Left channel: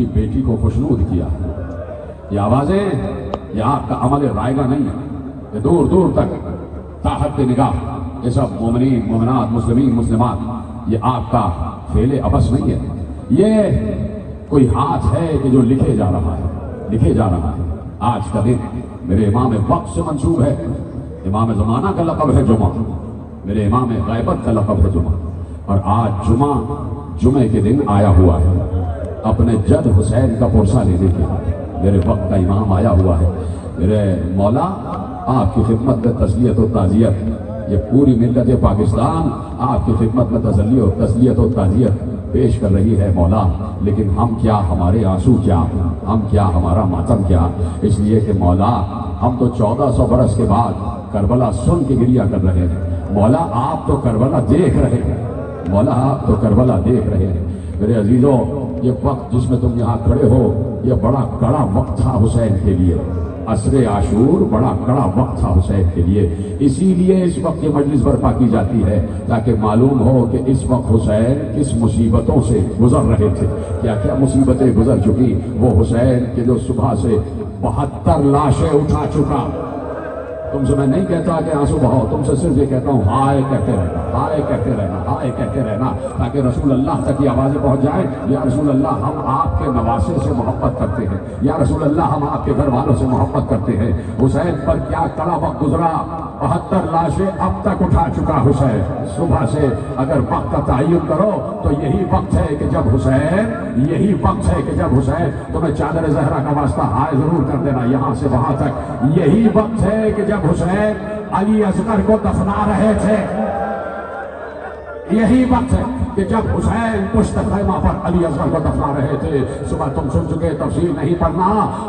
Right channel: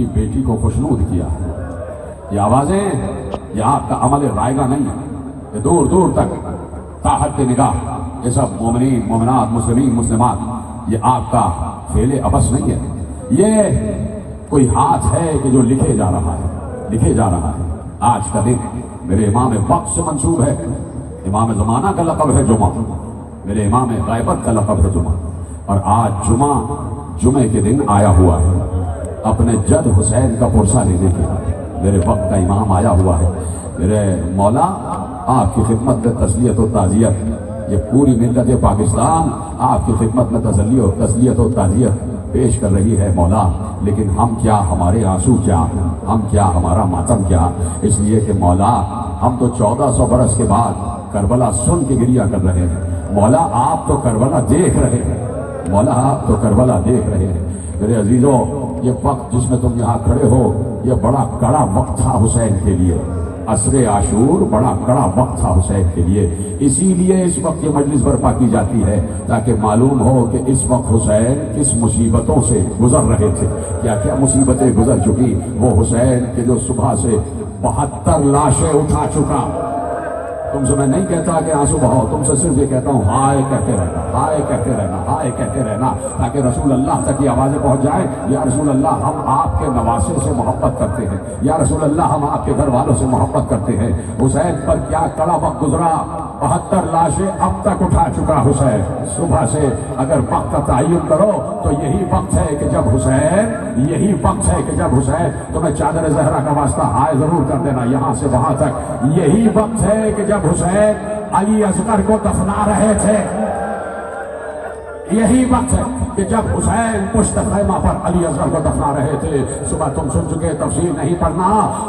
की बेटी को खुशनूद किया। ये आवाजें, ये आपका अमल रायगा नहीं है, ये दूर दूर तक ताहत निगाह, ये सब मोमिनीन मोमिनात मुस्लिमीन मुस्लिमात, ये आपका फेले अबस नहीं है, ये कोई हाथ है कि जो लिखे जा रहा है, लिखे जा रहा है। आज का दिन मेरे इमाम वक्त से मंसूब है, इमाम ज़माना का लक़ब है जुमा, मेरे इमाम ग़ैबत का लक़ब है जुमा, और आज जुमे के दिन आया हुआ है अपने जद हुसैन का पुरसा लेने के लिए। मेरे वक्त का इमाम आया हुआ है। मेरे मौला आपकी खिदमत में तस्लियत और ताज़ियत, ये पूरी मिल्लत पाकिस्तान आपकी खिदमत में तस्लियत और ताज़ियत पेश कर रही है मौला। लेकिन हम क्या, हमारे आंसू क्या, हम क्या, हमारा मातम क्या, इसलिए कि मौला हम तो 1400 बरस के बाद करबला सुन के गिरिया कर रहे हैं। मौला आप तो करबला देख रहे हैं, मौला आप तो करबला देख रहे हैं। मेरे अजीजों, ये वक्त जिसमें तुम यहाँ खड़े हो, ये बड़ा कड़ा वक्त था हुसैन के लिए। असरे आशूर बड़ा कड़ा वक्त था हुसैन के लिए, इसीलिए इस वक्त ये मजलिस बर्पा की जाती है ताकि मालूम हो कि इस वक्त हुसैन किस मुसीबतों से गुजर रहे थे, क्या क्या मुसीबतें गुजर चुकी। वो हुसैन के जो सुबह से 72 लाशें उठा चुका। तुमसे मैं नहीं कहता कि आंसू बहाओ, तुमसे सिर्फ ये कहता हूँ हाय कहते रहना, हाय कहते रहना, हाय कहते रहना, ताकि रसूल अल्लाह तक ये आवाज़ें पहुँच जाएं। या रसूल अल्लाह हम आपके नवासे से मोहब्बत करते हैं, या रसूल अल्लाह हम आपके घर वालों से मोहब्बत करते हैं। हुसैन पर क्या कड़ा वक्त गुजरा, 72 लाशें अब तक उठा चुका हुसैन। सुबह से अगर वक्त का तयन करो तो यही वक्त है कि जब हुसैन, यही वक्त है कि जब हुसैन, तो मैं चादर ज़हरा का वास्ता हाय जरूर कर देना यहाँ से वहाँ तक। यही वक्त है कि जब हुसैन अली असगर को दफना रहे थे, यही वक्त है कि जब हुसैन पुश्त खैमा पर अली असगर को दफना रहे थे। सुबह तुम सुन चुके, तफसीर नहीं पढ़ना,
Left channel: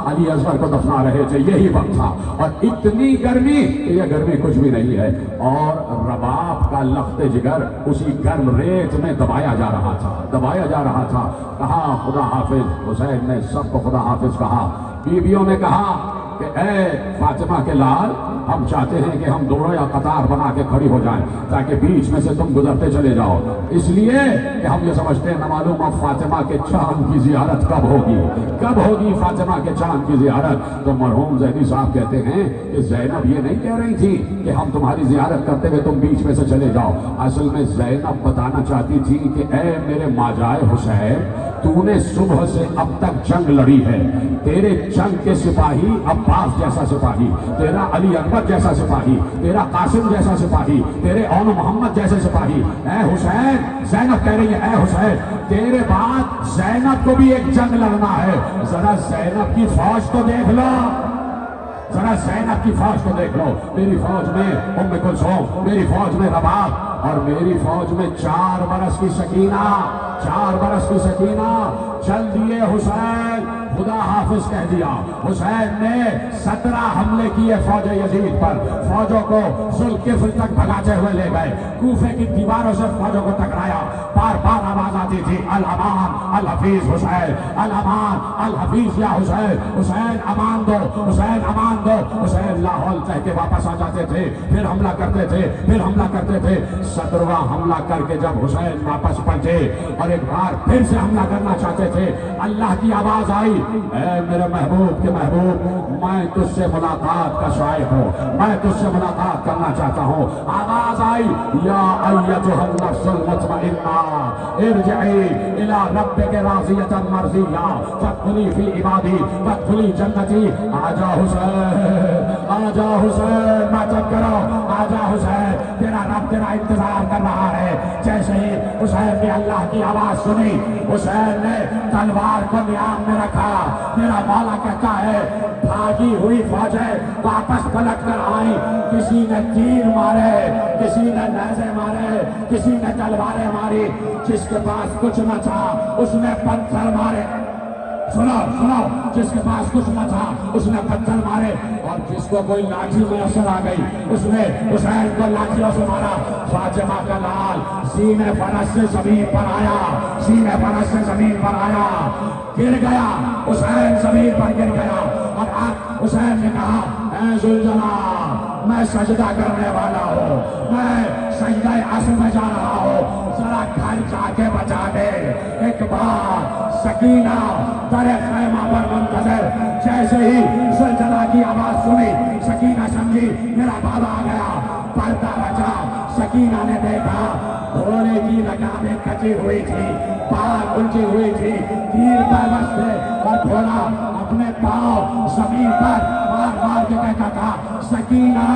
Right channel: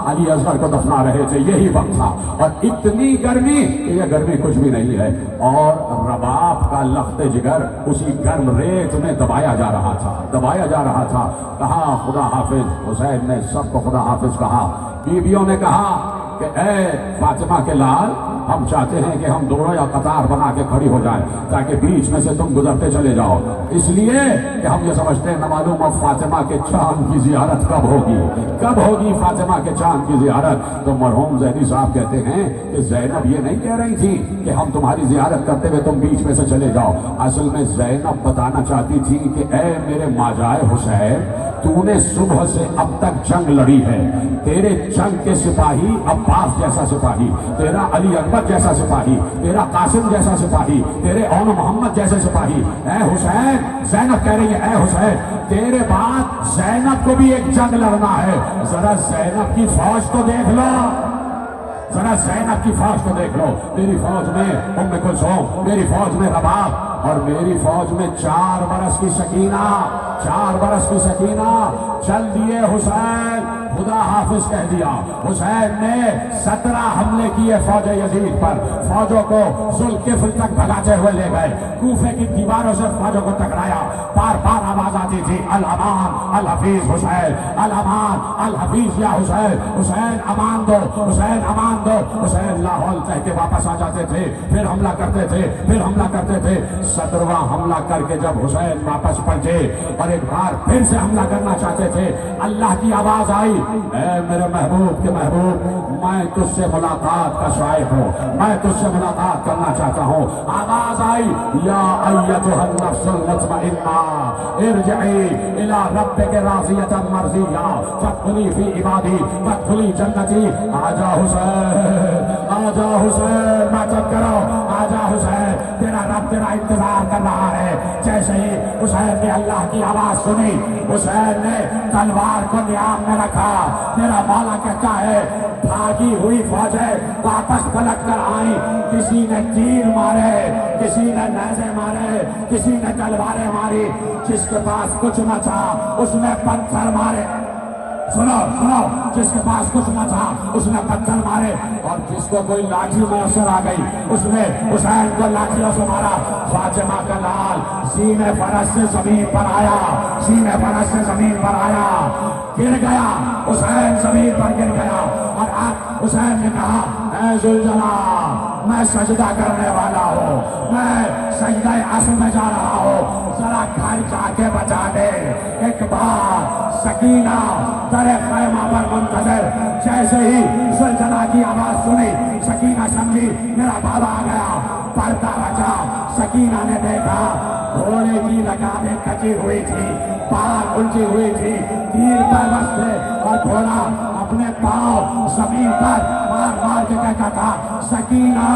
अली असगर को दफना रहे थे, यही वक्त था। और इतनी गर्मी, ये गर्मी कुछ भी नहीं है, और रबाब का लख्त जिगर उसी गर्म रेत में दबाया जा रहा था, दबाया जा रहा था। कहा खुदा हाफिज, हुसैन ने सबको खुदा हाफिज कहा। बीवियों ने कहा कि ए फातिमा के लाल, हम चाहते हैं कि हम दोनों या कतार बना के खड़ी हो जाए ताकि बीच में से तुम गुजरते चले जाओ, इसलिए कि हम ये समझते हैं न मालूम अब फातिमा के चांद की जियारत कब होगी, कब होगी फातिमा के चांद की जियारत। तो मरहूम ज़ैदी साहब कहते हैं कि ज़ैनब ये नहीं कह रही थी कि हम तुम्हारी जियारत करते हुए तुम बीच में से चले जाओ। असल में ज़ैनब बताना चाहती थी कि ए मेरे माजाए हुसैन, तूने सुबह से अब तक जंग लड़ी है, तेरे जंग के सिपाही अब्बास जैसा सिपाही, तेरा अली अकबर जैसा सिपाही, तेरा कासिम जैसा सिपाही, तेरे औन मोहम्मद जैसे सिपाही। ए हुसैन, ज़ैनब कह रही है, ए हुसैन तेरे बाद ज़ैनब को भी एक जंग लड़ना है, जरा ज़ैनब की फौज को देख लो, जरा ज़ैनब की फौज को देख लो। मेरी फौज में उम्मे कुलसूम, मेरी फौज में रबाब, और मेरी फौज में 4 बरस की सकीना, 4 बरस की सकीना। चल दिए हुसैन, खुदा हाफिज कह दिया। हुसैन ने 17 हमले किए फौज यजीद पर, फौजों को जुल्किफ्ल तक भगाते हुए ले गए, कूफे की दीवारों से फौजों को टकराया। बार बार आवाज आती थी अल अमान अल हफीज हुसैन, अल अमान अल हफीज या हुसैन, हुसैन अमान दो, हुसैन अमान दो। हुसैन लाहौल कह के वापस आ जाते थे, फिर हमला करते थे, फिर हमला करते थे। 17वां हमला करके जब हुसैन वापस पलटे और एक बार फिर से हमला करना चाहते थे, अल्लाह की आवाज आई, ऐ मेरे महबूब के महबूब, मैं तुझसे मुलाकात का शायक हूँ, मैं तुझसे मुलाकात करना चाहता हूँ। आवाज आई, या अय्यतुहन नफ्सुल मुतमइन्ना इरजिई इला रब्बिक राज़ियतन मर्ज़िय्या फदखुली फी इबादी फदखुली जन्नती। आजा हुसैन, आजा हुसैन, मातम करो, आजा हुसैन, तेरा रब तेरा इंतजार कर रहा है। जैसे ही हुसैन ने अल्लाह की आवाज सुनी, हुसैन ने तलवार को नियाम में रखा। मेरा मौला कहता है, भागी हुई फौजें वापस पलट कर आई, किसी ने तीर मारे, किसी ने नेज़े मारे, किसी ने तलवारें मारी, जिसके पास कुछ न था उसने पत्थर मारे। सुनो सुनो, जिसके पास कुछ न था उसने पत्थर मारे, और जिसको कोई लाठी मौसर आ गई उसने हुसैन को लाठियों से मारा। फातिमा का लाल सीने फरस से जमीन पर आया, सीने फरस से जमीन पर आया, गिर गया, हुसैन जमीन पर गिर गया। और अब हुसैन ने कहा, ऐ जुलझला, मैं सजदा करने वाला हूँ, मैं सजदा आंसू में जा रहा हूँ, जरा घर जाके बचा दे। एक बार सकीना दर الٹی ہوئی تھی، پاگ الٹی ہوئی تھی، تیر کاغذ تھے، اور گھوڑا اپنے پاؤں زمین پر مار مار کے کہتا تھا سکینہ